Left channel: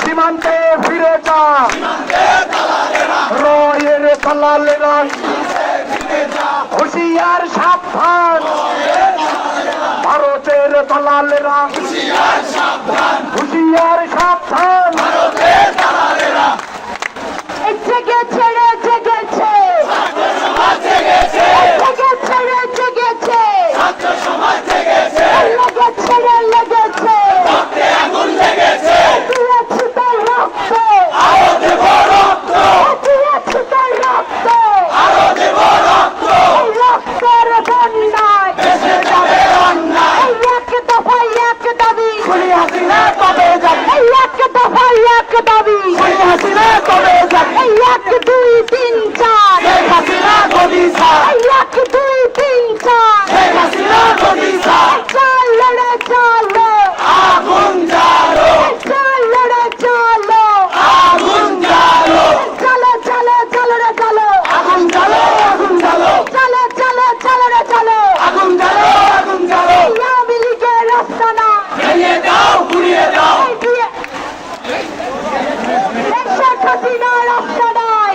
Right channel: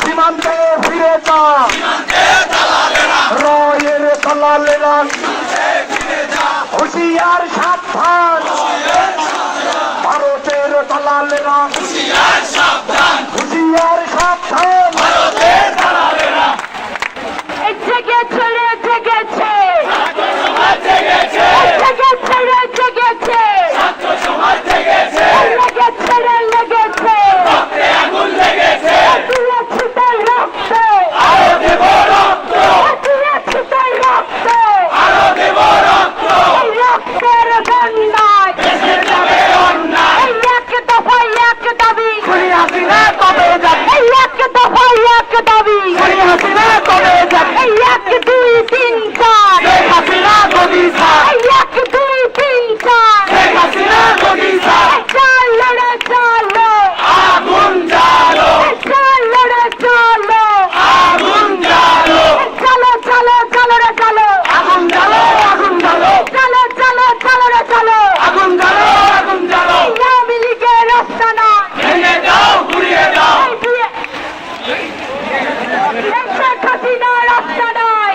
সীমান্তে ফিরে যা রয়ের দালালেরা, হুঁশিয়ার সাবধান ভারতের দালালেরা, হুঁশিয়ার সাবধান। জেগেছে রে জেগেছে, জেগেছে রে জেগেছে, লেগেছে রে লেগেছে, দিয়েছি তার রক্ত, দিয়েছি তার রক্ত, এই রক্তের বন্যায় এই এক দফায় এক দাবি, কবে যাবে এই এক দফায় এক দাবি, হাসিনা কবে যাবে এই 1 2 3 4, হাসিনা গদি ছাড় এই 1 2 3 4, হাসিনা গদি ছাড় চলো রে চলো, আগুন জ্বালো চলো রে চলো, আগুন জ্বালো চলো চলো চলো রে চলো, আগুন জ্বালো আগুন জ্বালো চলো চলো চলো রে চলো, আগুন জ্বালো আগুন জ্বালো আওয়ামী লীগের রাস্তানা ভেঙে দাও ঘুরিয়ে দাও শেখ হাসিনা রাস্তা নয়,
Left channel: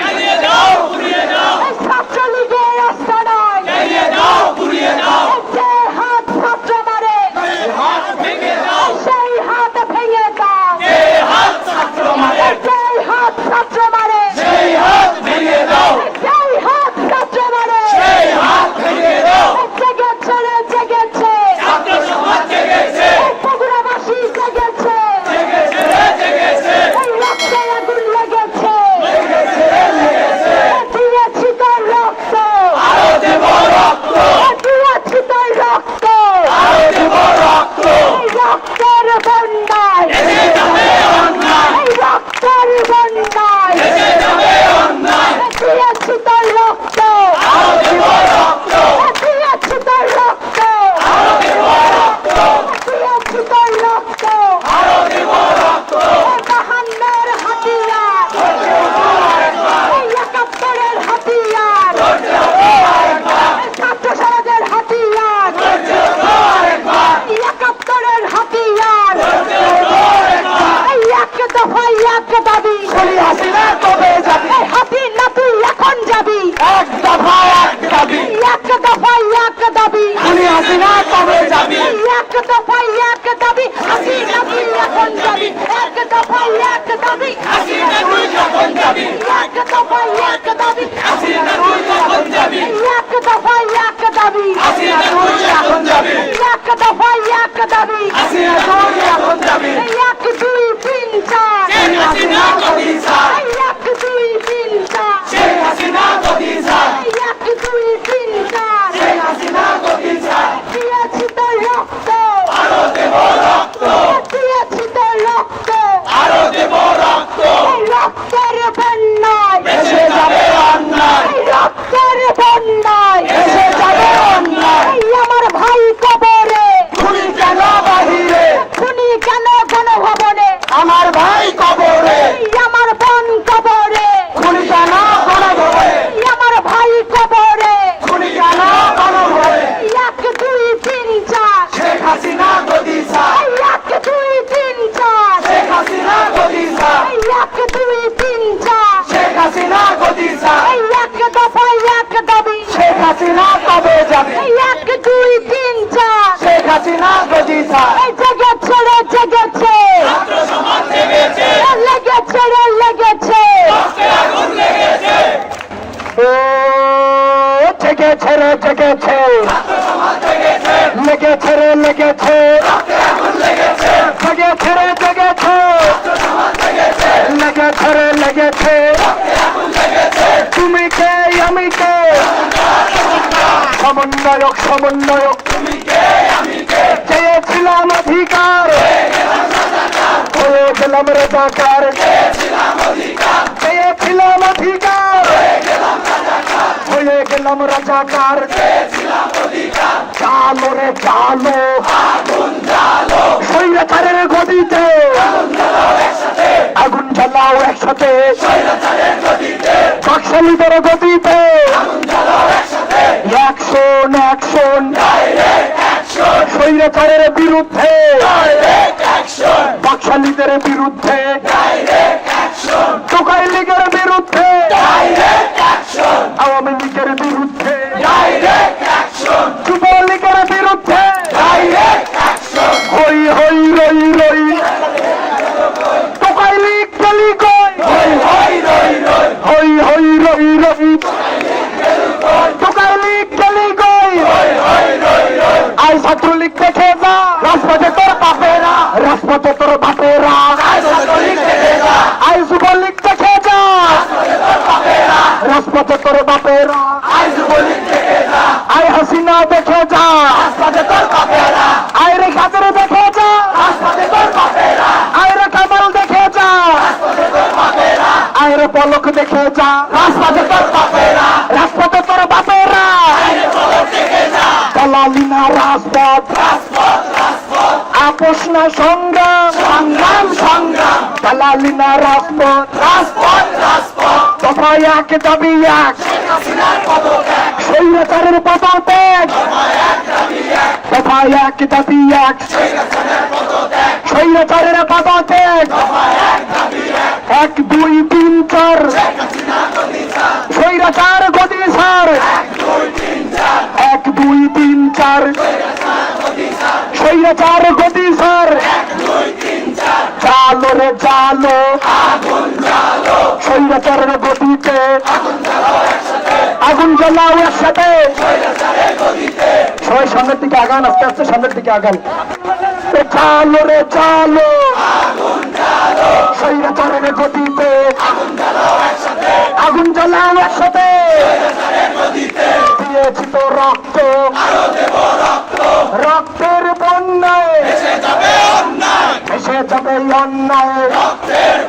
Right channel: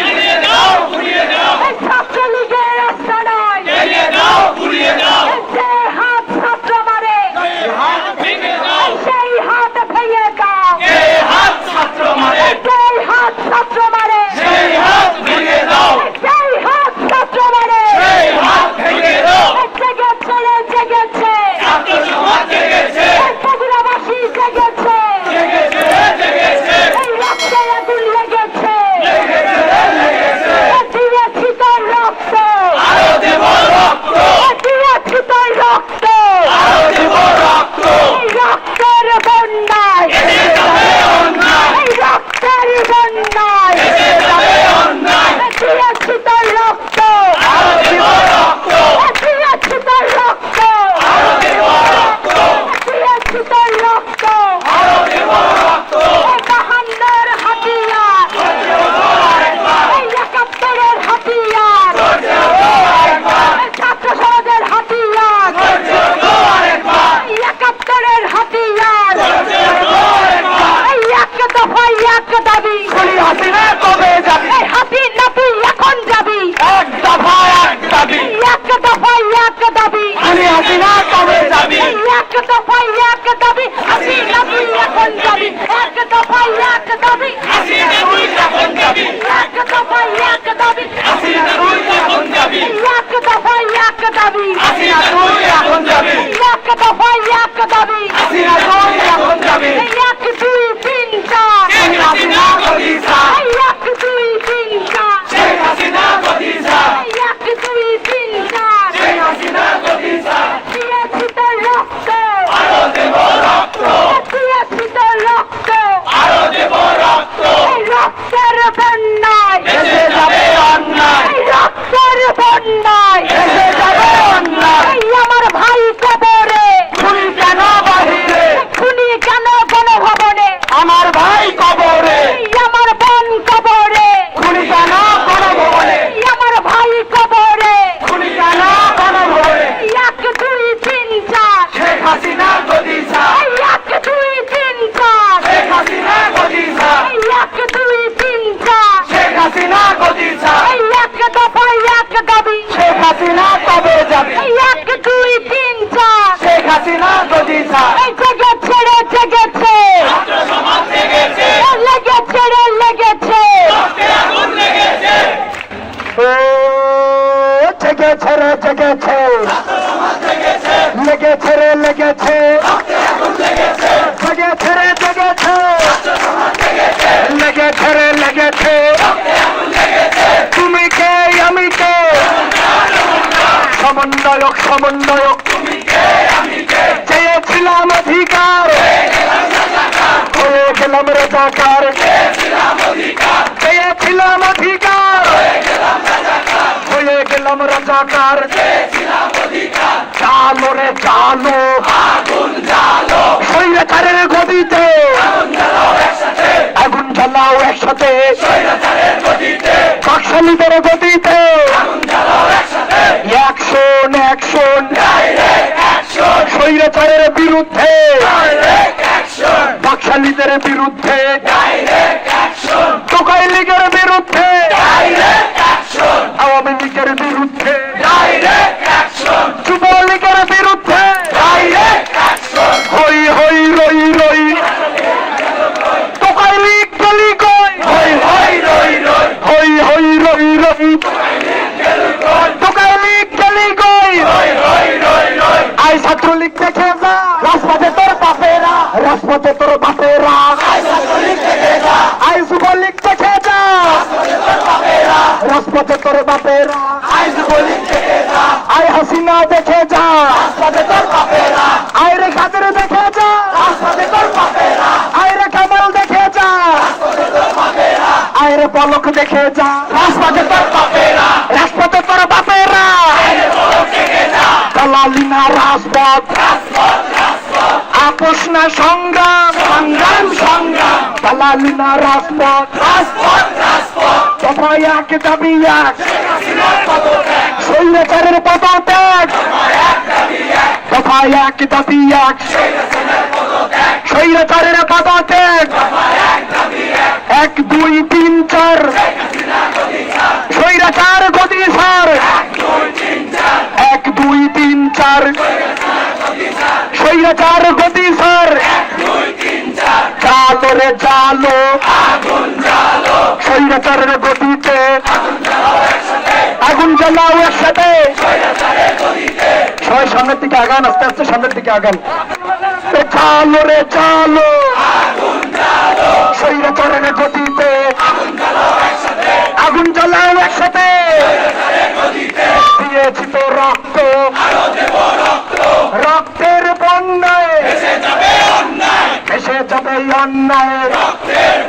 এই ছাত্রলীগের রাস্তা নয়, যে হাত ছাত্র মারে সেই হাত ভেঙে দাও, হাত ছাত্র মারে সেই হাত ছাত্র মারে সেই হাত ভেঙে দাও সেই হাত ছাত্র মারে, সেই হাত ভেঙে দাও জেগেছে রে জেগেছে, ছাত্র সমাজ জেগেছে এই বগুড়াবাসী জেগেছে, এই রক্তে আগুন লেগেছে, দিয়েছি তোর রক্ত, আরো দেব রক্ত দিয়েছি তোর রক্ত, আরো দেব রক্ত এই রক্তের বন্যায়, এই রক্তের বন্যায়, দিয়েছি তোর রক্ত, আরো দেব রক্ত দিয়েছি তোর রক্ত, দিয়েছি তোর রক্ত, আরো দেব রক্ত এই 52-র হাতিয়ার, এই 71-র হাতিয়ার, এই ছাত্র সমাজের হাতিয়ার, এই 71-র হাতিয়ার, এই এক দফায় এক দাবি, হাসিনা কবে যাবে এই হাতি নাতি এখন যাবি, এক দফা এক দাবি এই এক দফায় এক দাবি, হাসিনা কবে যাবে এই এক দফায় এক দাবি, হাতি নাতি এখন যাবি, এক দফায় এক দাবি, হাসিনা তুই এখন যাবি এক দফায় এক দাবি, হাসিনা তুই এখন যাবি এক দফায় এক দাবি, হাসিনা তুই এখন যাবি এক দফায় এক দাবি, হাসিনা তুই এখন যাবি এই 1 2 3 4, হাসিনা গদি ছাড় এই 1 2 3 4, হাসিনা গদি ছাড় এই 1 2 3 4, হাসিনা গদি ছাড় দিয়েছি তোর রক্ত, আরো দেব রক্ত দিয়েছি তোর রক্ত, আরো দেব রক্ত এই রক্তের বন্যায়, এসে যাবে অন্যায় এই রক্তের বন্যায়, এসে যাবে অন্যায় এই আমার ভাই কবরে, খুনি কেন বাহিরে খুনি কেন গণভবনে, আমার ভাই কবরে এই আমার বোন কবরে, খুনি কেন গণভবনে এই আমার ভাই কবরে, খুনি কেন গণভবনে 1 2 3 4, শেখ হাসিনা গদি ছাড় এই 1 2 3 4, শেখ হাসিনা গদি ছাড় এই 1 2 3 4, শেখ হাসিনা গদি ছাড় এই এক দফায় এক দাবি, শেখ হাসিনা কবে যাবে এই 1 2 3 4, শেখ হাসিনা গদি ছাড় এই জেগেছে রে জেগেছে, ছাত্র সমাজ জেগেছে লেগেছে রে লেগেছে, আগুন লেগেছে ও জেগেছে রে জেগেছে, ছাত্র সমাজ জেগেছে লেগেছে রে লেগেছে, আগুন লেগেছে জেগেছে রে জেগেছে, ছাত্র সমাজ জেগেছে লেগেছে রে লেগেছে, আগুন লেগেছে তুমি কে আমি কে, সমন্বয়ক সমন্বয়ক, তুমি কে আমি কে চেয়েছিলাম অধিকার, হয়ে গেলাম রাজাকার, চেয়েছিলাম অধিকার, হয়ে গেলাম রাজাকার, চালো রে চালো স্বৈরাচারের গদিতে আগুন জ্বালাও একসাথে, একসাথে, স্বৈরাচারের গতিতে বাকশালীদের গতিতে, আগুন জ্বালাও একসাথে, অ্যাকশন অ্যাকশন, ডাইরেক্ট অ্যাকশন, স্বৈরাচারের বিরুদ্ধে, ডাইরেক্ট অ্যাকশন, বাকশালীদের বিরুদ্ধে, ডাইরেক্ট অ্যাকশন, টোকাই লীগের বিরুদ্ধে, ডাইরেক্ট অ্যাকশন, আওয়ামী লীগের বিরুদ্ধে, ডাইরেক্ট অ্যাকশন, যুবলীগের বিরুদ্ধে, ডাইরেক্ট অ্যাকশন, হই হই রই রই, টোকাই লীগ গলি কই, হই হই রই রই, হই হই রই রই, টোকাই লীগ গলি কই, হই হই রই রই, আই ছাত্রলীগ দেখে যা, রাজপথে তোর বাপেরা, রাজপথে তোর বাপেরা, আই ছাত্রলীগ থেকে যা, আই যুবলীগ দেখে যা, তোর বাপেরা, রাজপথে তোর বাপেরা, আই যুবলীগ থেকে যা, আই হাসিনা দেখে যা, রাজপথে তোর বাপেরা, আই রে কাদের দেখে যা, রাজপথে তোর বাপেরা, আই রে কামাল দেখে যা, তোর বাপেরা, আই রে পলক দেখে যা, রাজপথে তোর বাপেরা, রাজপথে তোর বাপেরা, আইনে পলক থেকে যা, দালালি না রাজপথ, রাজপথ রাজপথ, আপোষ না সংগ্রাম, সংগ্রাম সংগ্রাম, দালালি না রাজপথ, রাজপথ রাজপথ, দফায় এক দাবি এক, হাসিনার পদত্যাগ, স্বৈরাচারের পদত্যাগ, এক দাবি এক, দফায় এক দাবি এক, স্বৈরাচারের পদত্যাগ, স্বৈরাচারের পদত্যাগ, এক দাবি এক, 1 2 3 4, হাসিনা গদি ছাড়, স্বৈরাচার গদি ছাড়, 2 3 4, 1 2 3 4, গদি ছাড়, স্বৈরাচার গদি ছাড়, 2 3 4, জালো রে জালো, আগুন জ্বালো, স্বৈরাচারের গদিতে, আগুন জ্বালাও একসাথে, আগুন জ্বালাও একসাথে, স্বৈরাচারের গদিতে, সবাই সামনের দিকে আগান, আস্তে আস্তে সামনের দিকে আগান, এ জালো রে জালো, আগুন জ্বালো, স্বৈরাচারের গদিতে, আগুন জ্বালাও একসাথে, আগুন জ্বালাও একসাথে, স্বৈরাচারের গদিতে, দিয়েছি তো রক্ত, আরো দেব রক্ত, রক্তের বন্যায় ভেসে যাবে অন্যায়, ভেসে যাবে অন্যায়, রক্তের